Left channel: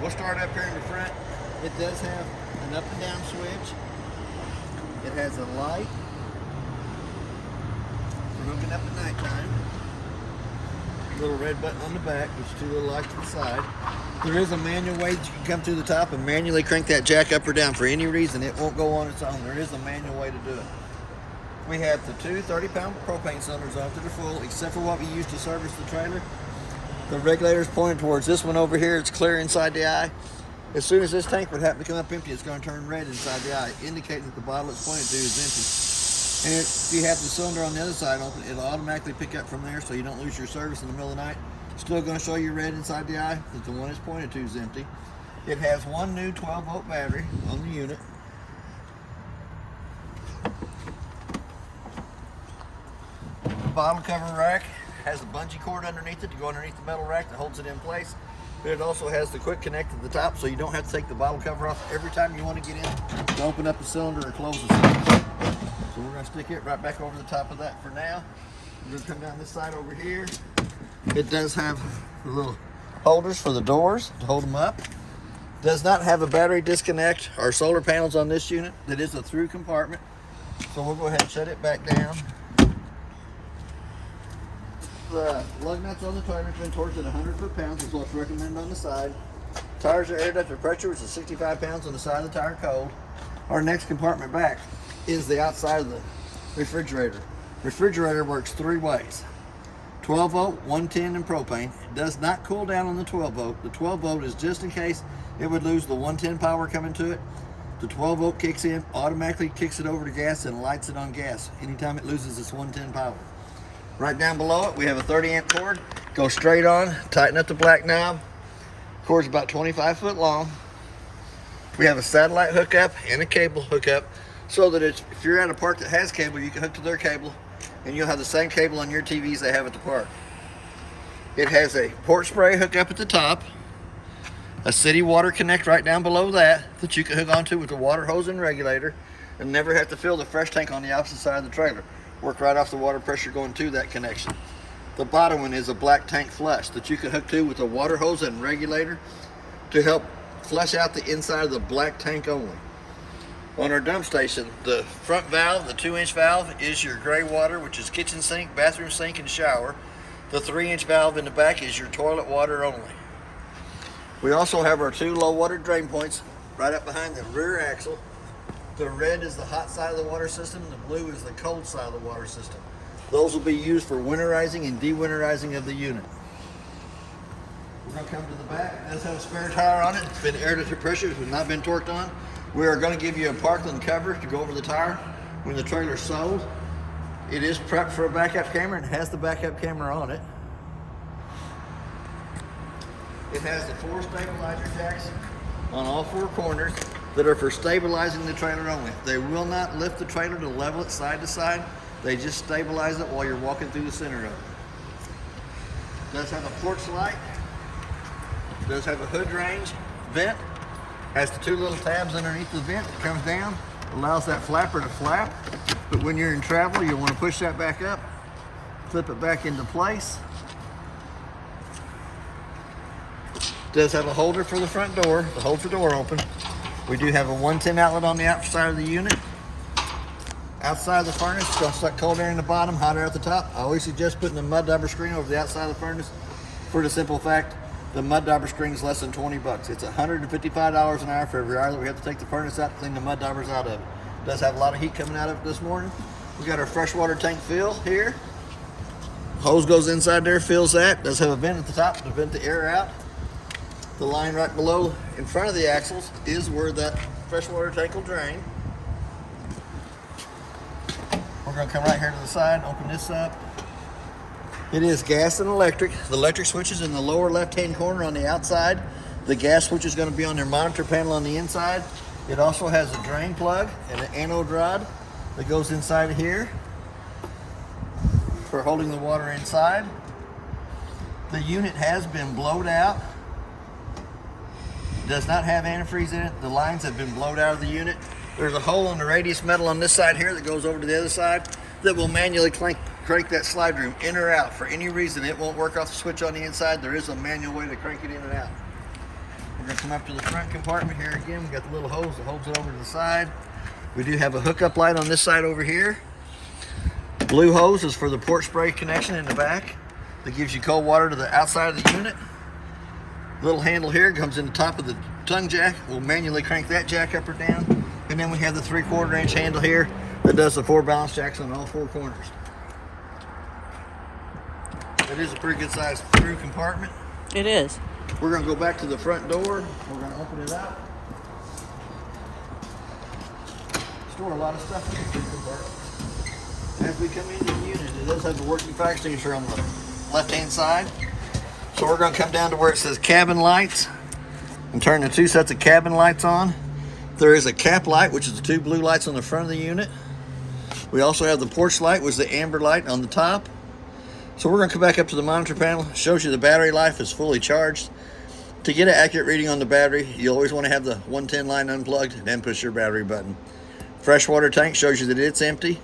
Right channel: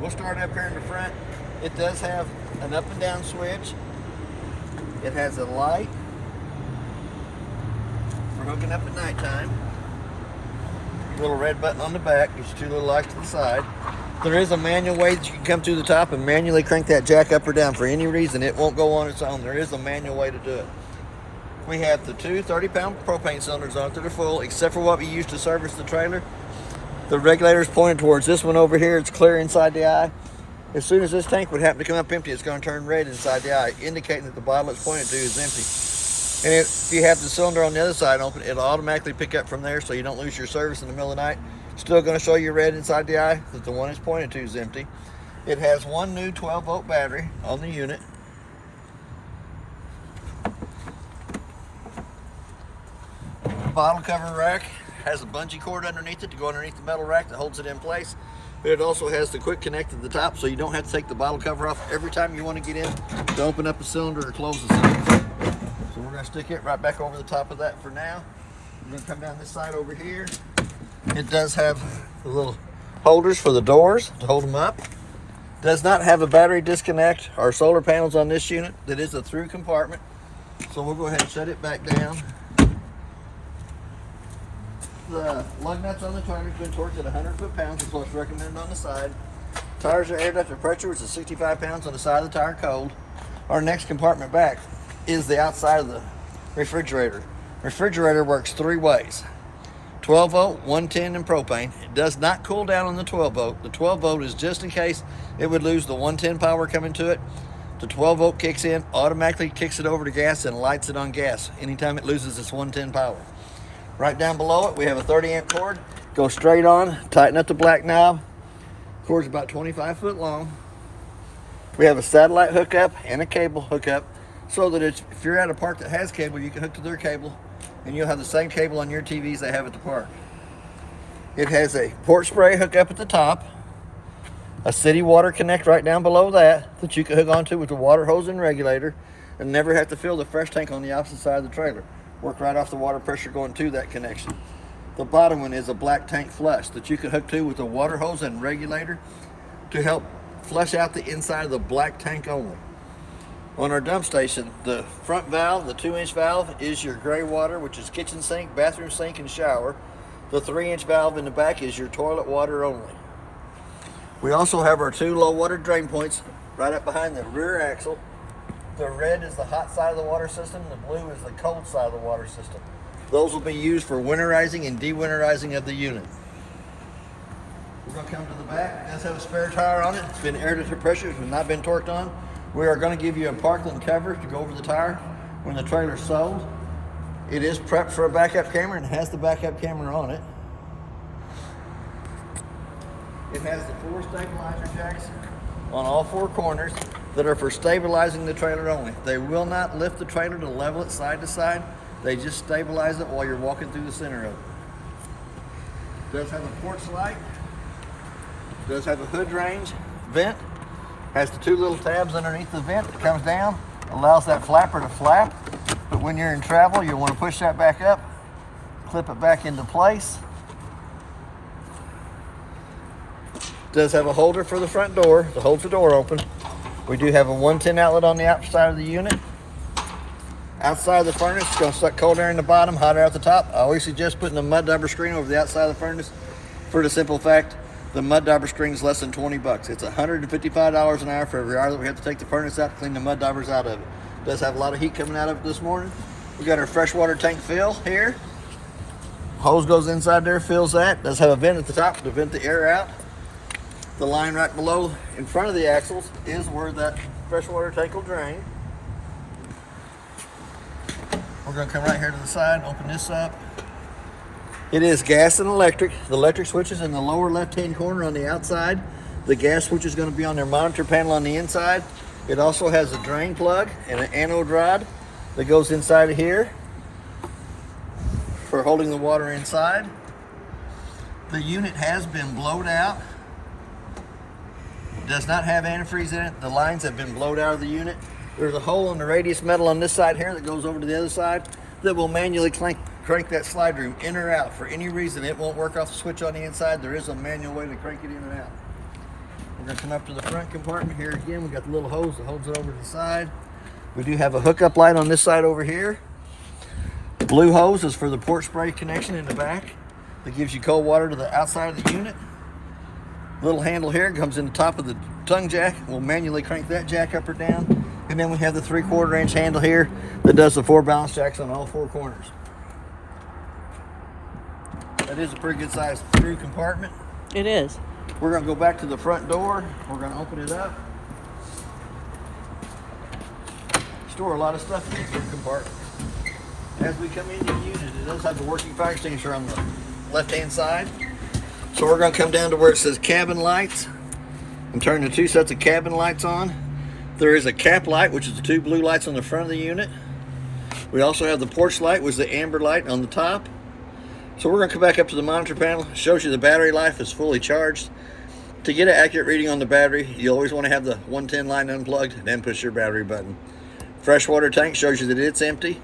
We'll start up here in the front. It does have an up and down switch. It has a light for hooking up at nighttime. Little red button on the back. There's two little lights to the side. There is a manual way that you can come through the top and manually crank that jack up or down. For any reason, it won't go on its own. There is a manual way to do it. We have the two 30-pound propane cylinders on it that are full, except for what we use to service the trailer. The regulator is pointed towards this one over here. It's clear inside the eye. As soon as this tank would happen to come up empty, it's going to turn red inside the eye, indicating that the bottle it's pointed to is empty. And if you have the cylinder on the other side open, it'll automatically pick up from there so you don't lose your service in the middle of the night. Still going to show you red inside the eye that the one it's pointed to is empty. It has one new 12-volt battery on the unit. The bottle cover rack has a bungee cord underneath it to go underneath the metal rack that holds it in place. But it also has the quick connect at the top, so you don't have to take the bottle cover off every time you want to get in to open up a cylinder or close the cylinder. So we're going to stick it right back over the top of that for now. We're going to come down this side over here. It does have the little holders for the doors to hold them up. Does not have a battery disconnect or solar panels on this unit. That is a through compartment. So we'll go ahead and shut it back down. The lug nuts on the trailer's been torqued at 100 foot-pounds, is what's recommended on the side. Tires are aired up to pressure, which is 65 pounds on the side of the tire cold. Our next compartment back is the outside of the refrigerator. Refrigerator works three ways: 12 volt, 110, and propane. It does not cool down on the 12 volt. The 12 volt is just in case it would lose the 110 power coming to it. The 12 volt kicks in, automatically kicks it over to gas and lights it on gas anytime it loses its 110 power. Right down below it, we have a 30 amp cord. Go straight on, tighten up the black knob. Cord's about 25 foot long. We have a satellite hookup and a cable hookup, so that if you're at a park that has cable, you can hook to their cable, and you'll have the same cable on your TVs they have at the park. It has a port spray hookup at the top, a city water connect right down below that you can hook onto with the water hose and regulator, and never have to fill the fresh tank on the opposite side of the trailer. Work right off the water pressure going to that connection. The bottom one is a black tank flush that you can hook to with a water hose and regulator to help flush out the inside of the black tank only. On our dump station, the front valve, the 2-inch valve, is your gray water, which is kitchen sink, bathroom sink, and shower. The 3-inch valve in the back is your toilet water only. We also have our two low water drain points right up behind the rear axle. The red is the hot side of the water system, the blue is the cold side of the water system. Those will be used for winterizing and dewinterizing of the unit. We're going to come to the back. It does have a spare tire on it. It's been aired to pressure, it's not been torqued on. We are going to give you a Parkland cover to go over the tire when the trailer's sold. It is prepped for a backup camera and has the backup camera on it. It has the 4 stabilizer jacks on all 4 corners that are for stabilizing the trailer only. They will not lift the trailer to level it side to side. They just stabilize it while you're walking through the center of it. Does have a porch light. Does have a hood range vent. Has the 2 little tabs underneath the vent that comes down. Allows that flapper to flap. But when you're in travel, you'll want to push that back up, clip it back into place. Does have a holder for the front door to hold the door open. We do have a 110 outlet on the outside of the unit. Outside of the furnace, it's going to suck cold air in the bottom, hot air at the top. I always suggest putting a mud dauber screen over the outside of the furnace for the simple fact the mud dauber screen is less than 20 bucks. It's $155 an hour for every hour that we have to take the furnace out to clean the mud daubers out of it. It does have a lot of heat coming out of it this morning. We got our freshwater tank fill here. Hose goes inside there, fills that. Does have a vent at the top to vent the air out. The line right below in front of the axles is where that freshwater tank will drain. We're going to come right here to the side, open this up. It is gas and electric. The electric switch is in the lower left-hand corner on the outside. The gas switch is going to be on their monitor panel on the inside. It also has a drain plug and an anode rod that goes inside of here for holding the water inside. The unit has been blowed out. It does not have antifreeze in it. The lines have been blowed out of the unit. There's a hole in the radius metal on this side here that goes over to the other side that will manually crank that slide room in or out. For any reason it won't work off the switch on the inside, there is a manual way to crank it in and out. We're going to come up to the front compartment. Here again, we got the little hose that holds it over to the side. We do have a hookup light on this side over here. The blue hose is for the port spray connection in the back that gives you cold water to the outside of the unit. Little handle here comes in the top of the tongue jack. We'll manually crank that jack up or down. And then we have the 3/4 inch handle here that does the 4 balance jacks on all 4 corners. That is a pretty good sized through compartment. It is. We're going to go back to the front door. We're going to open it up. Store a lot of stuff in the compartment. As we come into the unit, it does have the working fire extinguisher on the left-hand side. So we're going to come down to where it says cabin lights and turn the 2 sets of cabin lights on. There is a cap light, which is the 2 blue lights on the front of the unit. We also have the porch light, which is the amber light on the top. So we're going to come back up to the monitor panel. It shows you the battery life is fully charged. To get an accurate reading on the battery, you always want to have the 110 line unplugged and then push your battery button. Freshwater tank shows you that it's empty.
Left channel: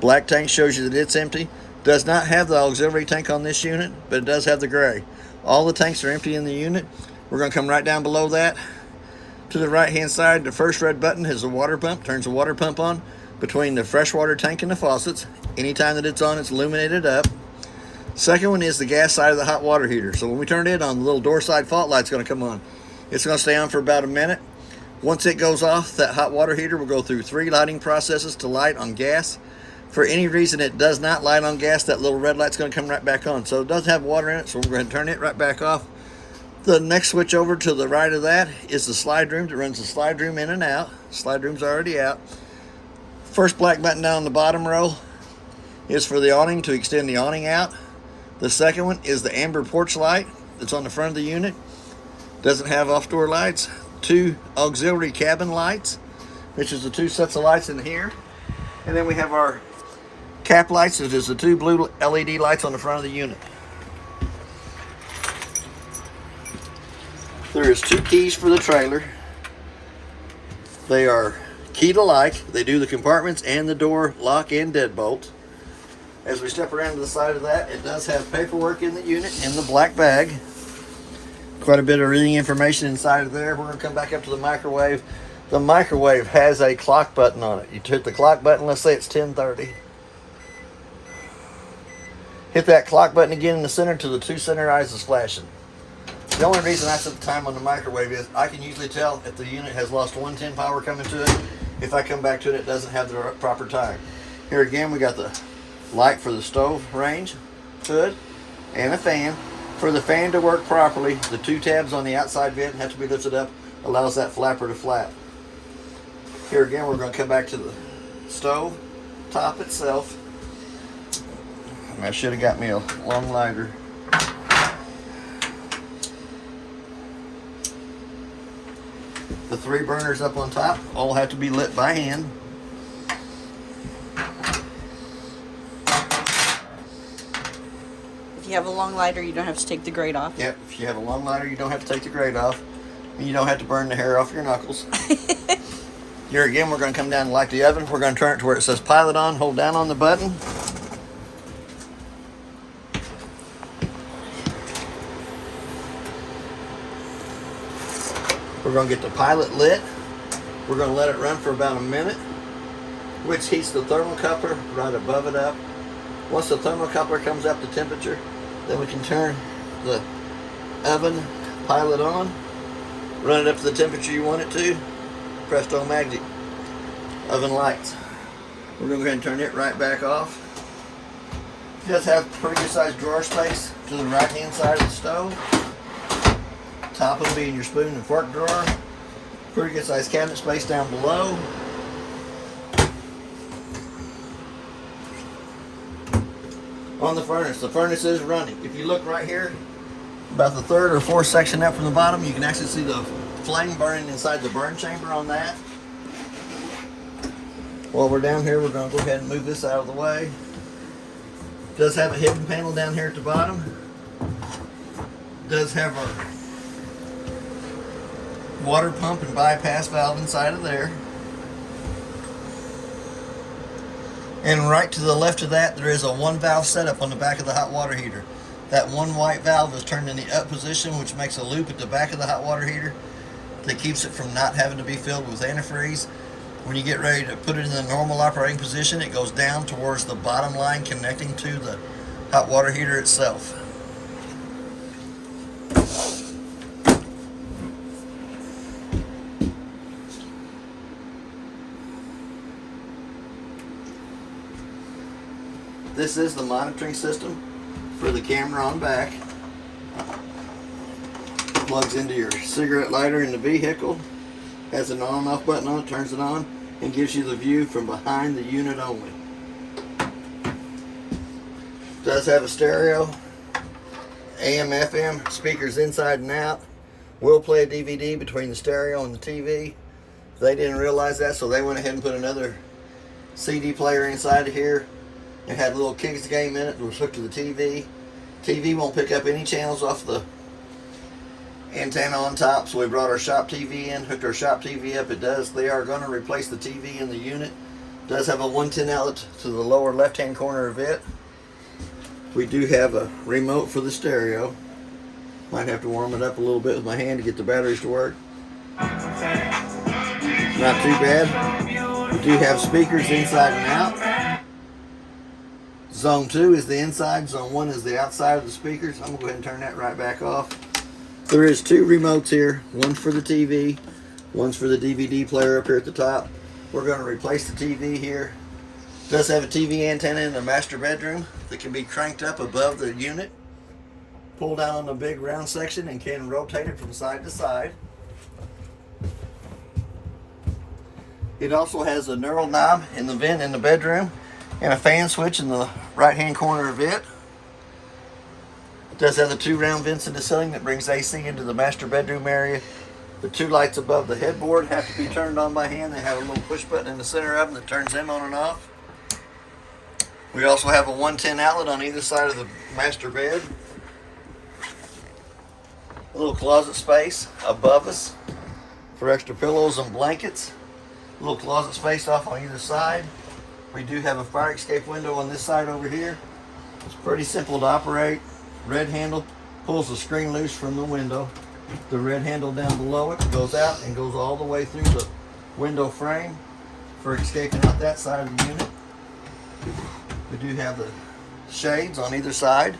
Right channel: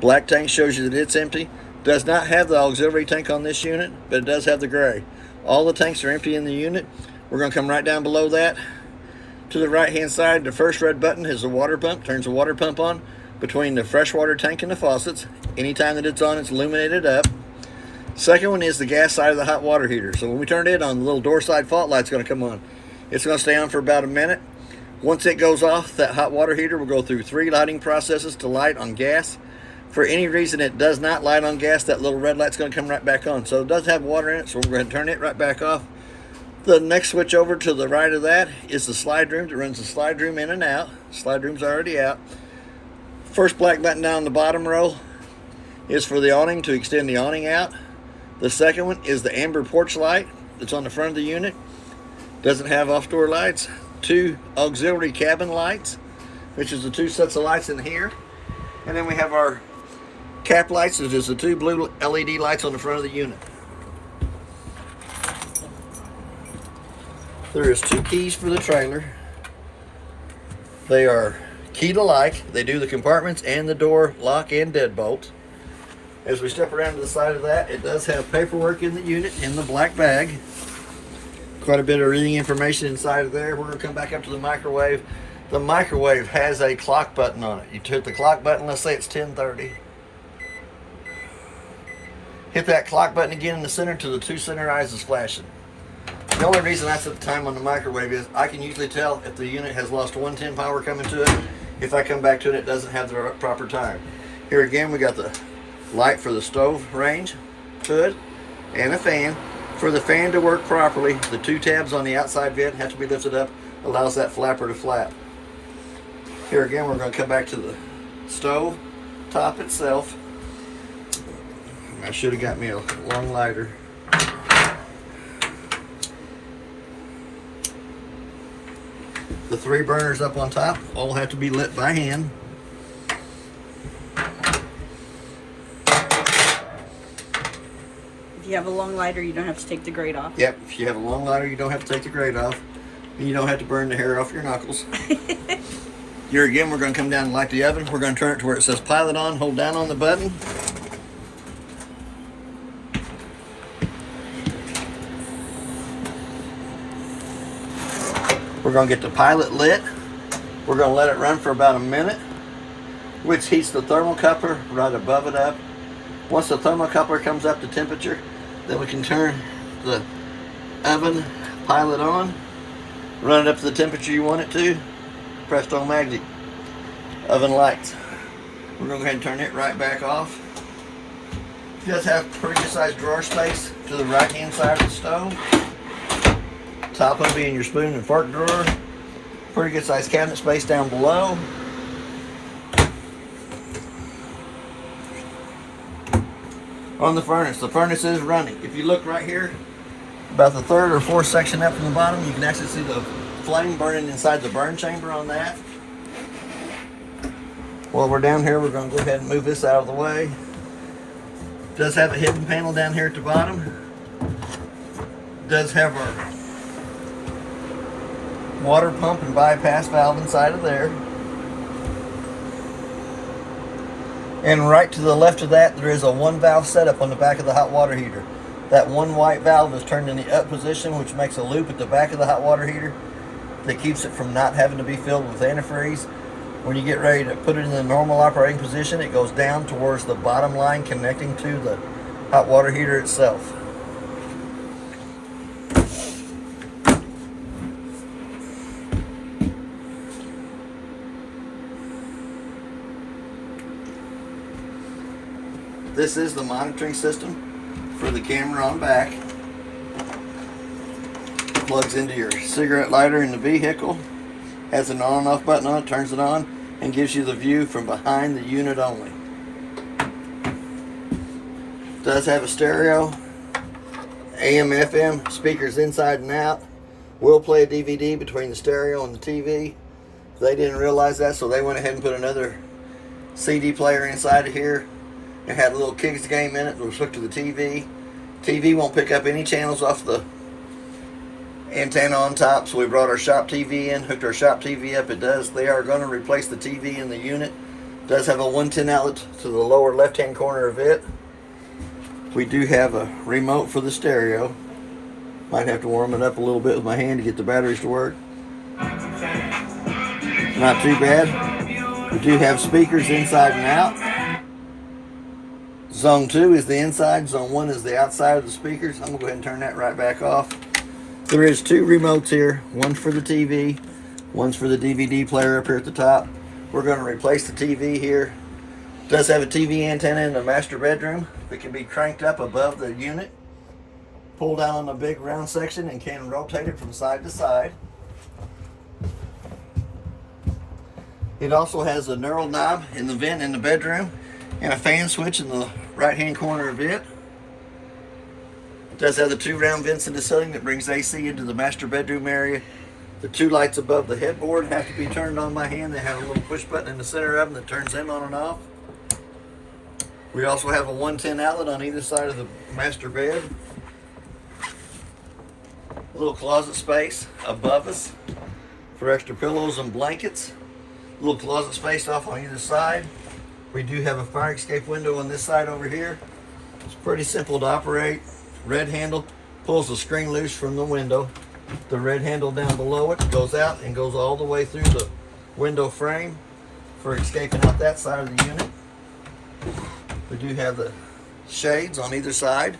Black tank shows you that it's empty. Does not have the auxiliary tank on this unit, but it does have the gray. All the tanks are empty in the unit. We're going to come right down below that. To the right hand side, the first red button is the water pump. Turns the water pump on between the freshwater tank and the faucets. Anytime that it's on, it's illuminated up. Second one is the gas side of the hot water heater. So when we turn it on, the little door side fault light's going to come on. It's going to stay on for about a minute. Once it goes off, that hot water heater will go through 3 lighting processes to light on gas. For any reason it does not light on gas, that little red light's going to come right back on. So it does have water in it, so we're going to turn it right back off. The next switch over to the right of that is the slide room that runs the slide room in and out. Slide room's already out. First black button down the bottom row is for the awning to extend the awning out. The second one is the amber porch light that's on the front of the unit. Doesn't have off-door lights. 2 auxiliary cabin lights, which is the 2 sets of lights in here. And then we have our cap lights, which is the 2 blue LED lights on the front of the unit. There is 2 keys for the trailer. They are key to like. They do the compartments and the door lock and deadbolt. As we step around to the side of that, it does have paperwork in the unit in the black bag. Quite a bit of reading information inside of there. We're going to come back up to the microwave. The microwave has a clock button on it. You hit the clock button, let's say it's 10:30. Hit that clock button again in the center till the 2 center eyes is flashing. The only reason I set the time on the microwave is I can usually tell if the unit has lost 110 power coming to it. If I come back to it, it doesn't have the proper time. Here again, we got the light for the stove range, hood, and a fan. For the fan to work properly, the 2 tabs on the outside vent have to be lifted up, allows that flapper to flap. Here again, we're going to come back to the stove top itself. I should have got me a long lighter. The 3 burners up on top all have to be lit by hand. If you have a long lighter, you don't have to take the grate off. Yep, if you have a long lighter, you don't have to take the grate off. And you don't have to burn the hair off your knuckles. Here again, we're going to come down and light the oven. We're going to turn it to where it says pilot on. Hold down on the button. We're going to get the pilot lit. We're going to let it run for about a minute, which heats the thermocoupler right above it up. Once the thermocoupler comes up to temperature, then we can turn the oven pilot on, run it up to the temperature you want it to, presto magic, oven lights. We're going to go ahead and turn it right back off. It does have pretty good sized drawer space to the right hand side of the stove. Top of it being your spoon and fork drawer. Pretty good sized cabinet space down below. On the furnace is running. If you look right here, about the 3rd or 4th section up from the bottom, you can actually see the flame burning inside the burn chamber on that. While we're down here, we're going to go ahead and move this out of the way. It does have a hidden panel down here at the bottom. It does have our water pump and bypass valve inside of there. And right to the left of that, there is a 1 valve setup on the back of the hot water heater. That one white valve is turned in the up position, which makes a loop at the back of the hot water heater that keeps it from not having to be filled with antifreeze. When you get ready to put it in the normal operating position, it goes down towards the bottom line connecting to the hot water heater itself. This is the monitoring system for the camera on back. Plugs into your cigarette lighter in the vehicle. Has an on and off button on it, turns it on, and gives you the view from behind the unit only. Does have a stereo, AM, FM, speakers inside and out. Will play a DVD between the stereo and the TV. They didn't realize that, so they went ahead and put another CD player inside of here. It had a little kids game in it that was hooked to the TV. TV won't pick up any channels off the antenna on top, so we brought our shop TV in, hooked our shop TV up. It does. They are going to replace the TV in the unit. It does have a 110 outlet to the lower left-hand corner of it. We do have a remote for the stereo. Might have to warm it up a little bit with my hand to get the batteries to work. Not too bad. We do have speakers inside and out. Zone 2 is the inside, Zone 1 is the outside of the speakers. I'm going to go ahead and turn that right back off. There is 2 remotes here. One's for the TV, one's for the DVD player up here at the top. We're going to replace the TV here. It does have a TV antenna in the master bedroom that can be cranked up above the unit. Pull down on the big round section and can rotate it from side to side. It also has a knurl knob in the vent in the bedroom and a fan switch in the right hand corner of it. It does have the 2 round vents in the ceiling that brings AC into the master bedroom area. The 2 lights above the headboard have to be turned on by hand. They have a little push button in the center of them that turns them on and off. We also have a 110 outlet on either side of the master bed. A little closet space above us for extra pillows and blankets. A little closet space off on either side. We do have a fire escape window on this side over here. It's pretty simple to operate. Red handle pulls the screen loose from the window. The red handle down below it goes out and goes all the way through the window frame for escaping out that side of the unit. We do have the shades on either side.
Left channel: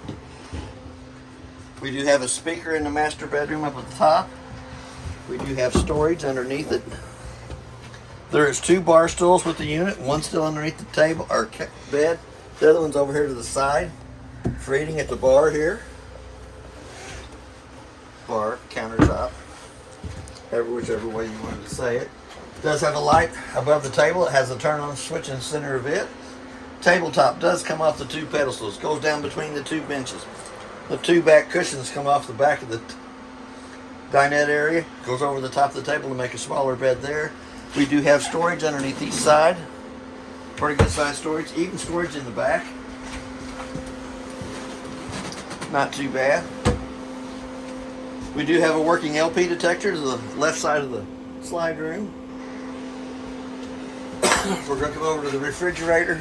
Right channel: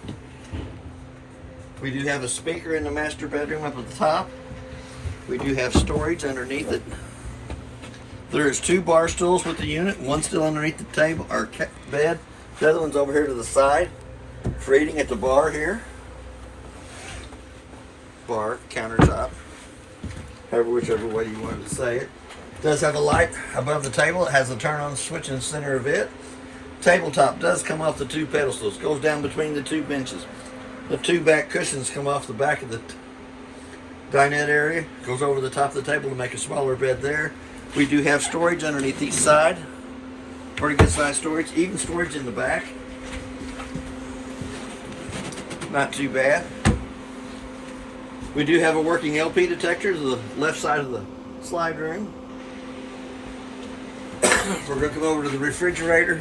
We do have a speaker in the master bedroom up at the top. We do have storage underneath it. There is 2 bar stools with the unit. One still underneath the table or bed. The other one's over here to the side for eating at the bar here. Bar, countertop, whichever way you want to say it. It does have a light above the table. It has a turn on switch in the center of it. Tabletop does come off the 2 pedestals. Goes down between the 2 benches. The 2 back cushions come off the back of the dinette area. Goes over the top of the table to make a smaller bed there. We do have storage underneath each side. Pretty good size storage. Even storage in the back. Not too bad. We do have a working LP detector to the left side of the slide room. We're going to come over to the refrigerator.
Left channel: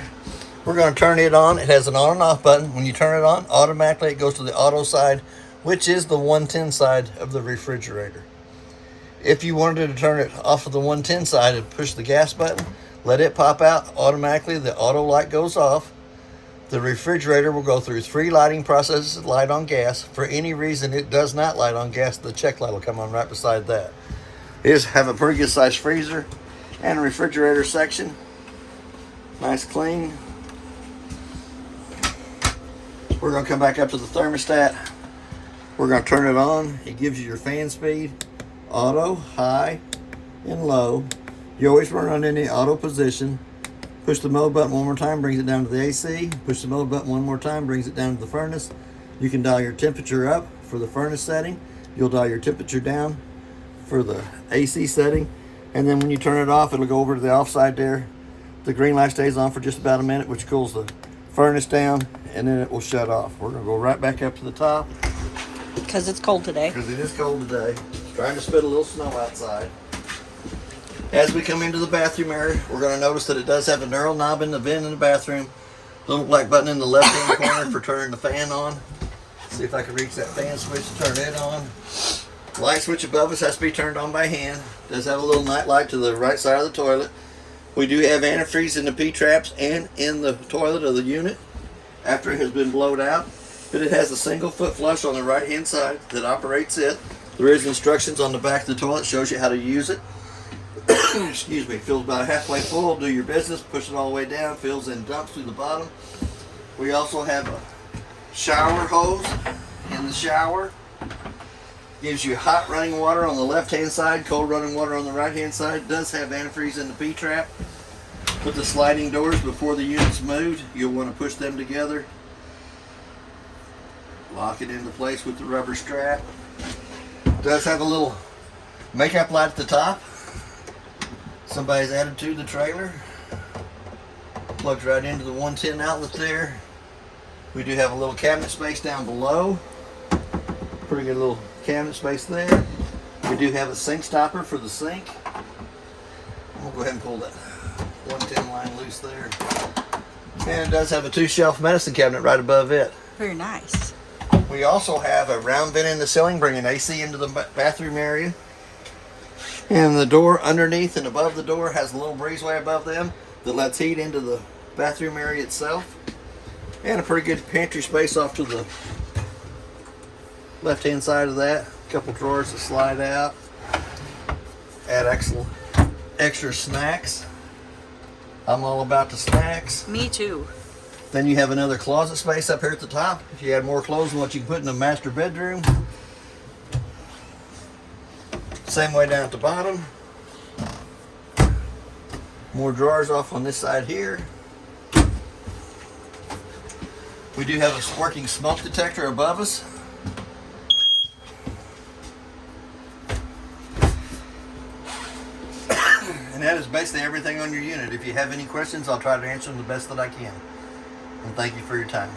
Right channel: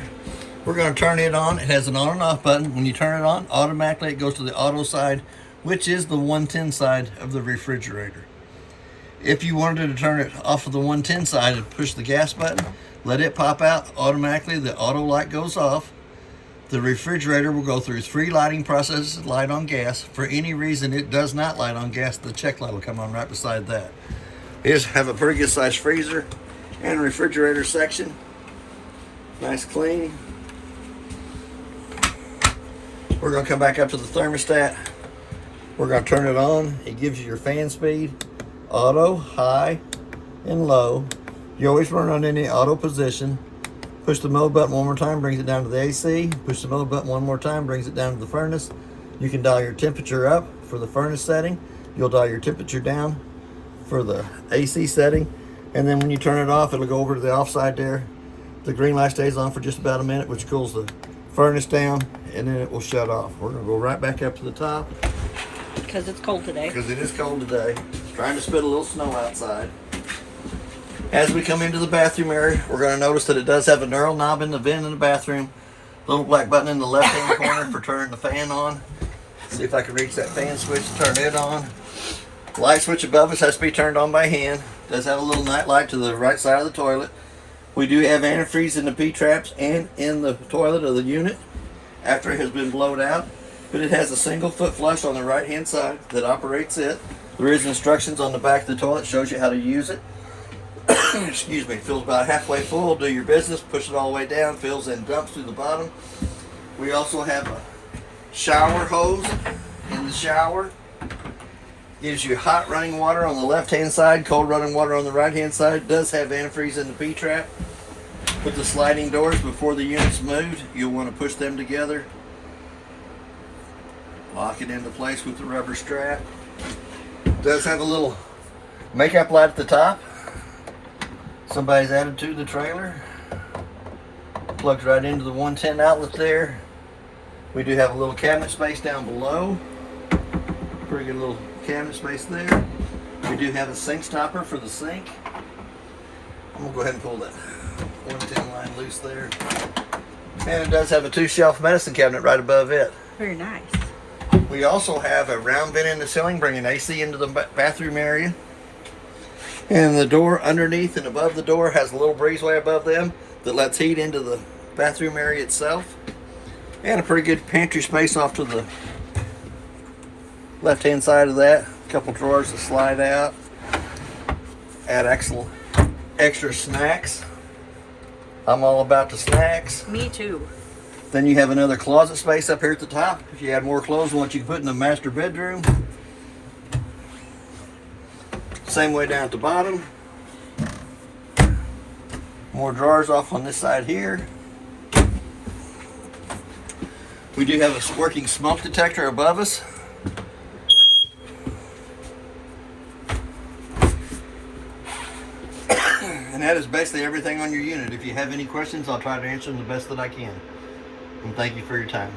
We're going to turn it on. It has an on and off button. When you turn it on, automatically it goes to the auto side, which is the 110 side of the refrigerator. If you wanted to turn it off of the 110 side and push the gas button, let it pop out, automatically the auto light goes off. The refrigerator will go through 3 lighting processes to light on gas. For any reason it does not light on gas, the check light will come on right beside that. It does have a pretty good sized freezer and a refrigerator section. Nice clean. We're going to come back up to the thermostat. We're going to turn it on. It gives you your fan speed, auto, high, and low. You always run on any auto position. Push the mode button one more time, brings it down to the AC. Push the mode button one more time, brings it down to the furnace. You can dial your temperature up for the furnace setting. You'll dial your temperature down for the AC setting. And then when you turn it off, it'll go over to the off side there. The green light stays on for just about a minute, which cools the furnace down, and then it will shut off. We're going to go right back up to the top. Because it's cold today. Because it is cold today. It's trying to spit a little snow outside. As we come into the bathroom area, we're going to notice that it does have a knurl knob in the vent in the bathroom. Little black button in the left-hand corner for turning the fan on. See if I can reach that fan switch to turn it on. Light switch above us has to be turned on by hand. Does have a little night light to the right side of the toilet. We do have antifreeze in the P-traps and in the toilet of the unit after it has been blowed out. But it has a single foot flush on the right hand side that operates it. There is instructions on the back of the toilet, shows you how to use it. Excuse me, fills about halfway full, do your business, push it all the way down, fills and dumps through the bottom. We also have a shower hose in the shower. Gives you hot running water on the left hand side, cold running water on the right hand side. Does have antifreeze in the P-trap. With the sliding doors before the unit's moved, you'll want to push them together. Lock it into place with the rubber strap. Does have a little makeup light at the top. Somebody's added to the trailer. Plugs right into the 110 outlet there. We do have a little cabinet space down below. Pretty good little cabinet space there. We do have a sink stopper for the sink. I'm gonna go ahead and pull that 110 line loose there. And it does have a 2-shelf medicine cabinet right above it. Very nice. We also have a round vent in the ceiling, bringing AC into the bathroom area. And the door underneath and above the door has a little breezeway above them that lets heat into the bathroom area itself. And a pretty good pantry space off to the left hand side of that. A couple drawers that slide out. Add extra snacks. I'm all about the snacks. Me too. Then you have another closet space up here at the top. If you add more clothes than what you can put in the master bedroom. Same way down at the bottom. More drawers off on this side here. We do have a working smoke detector above us. And that is basically everything on your unit. If you have any questions, I'll try to answer them the best that I can. And thank you for your time.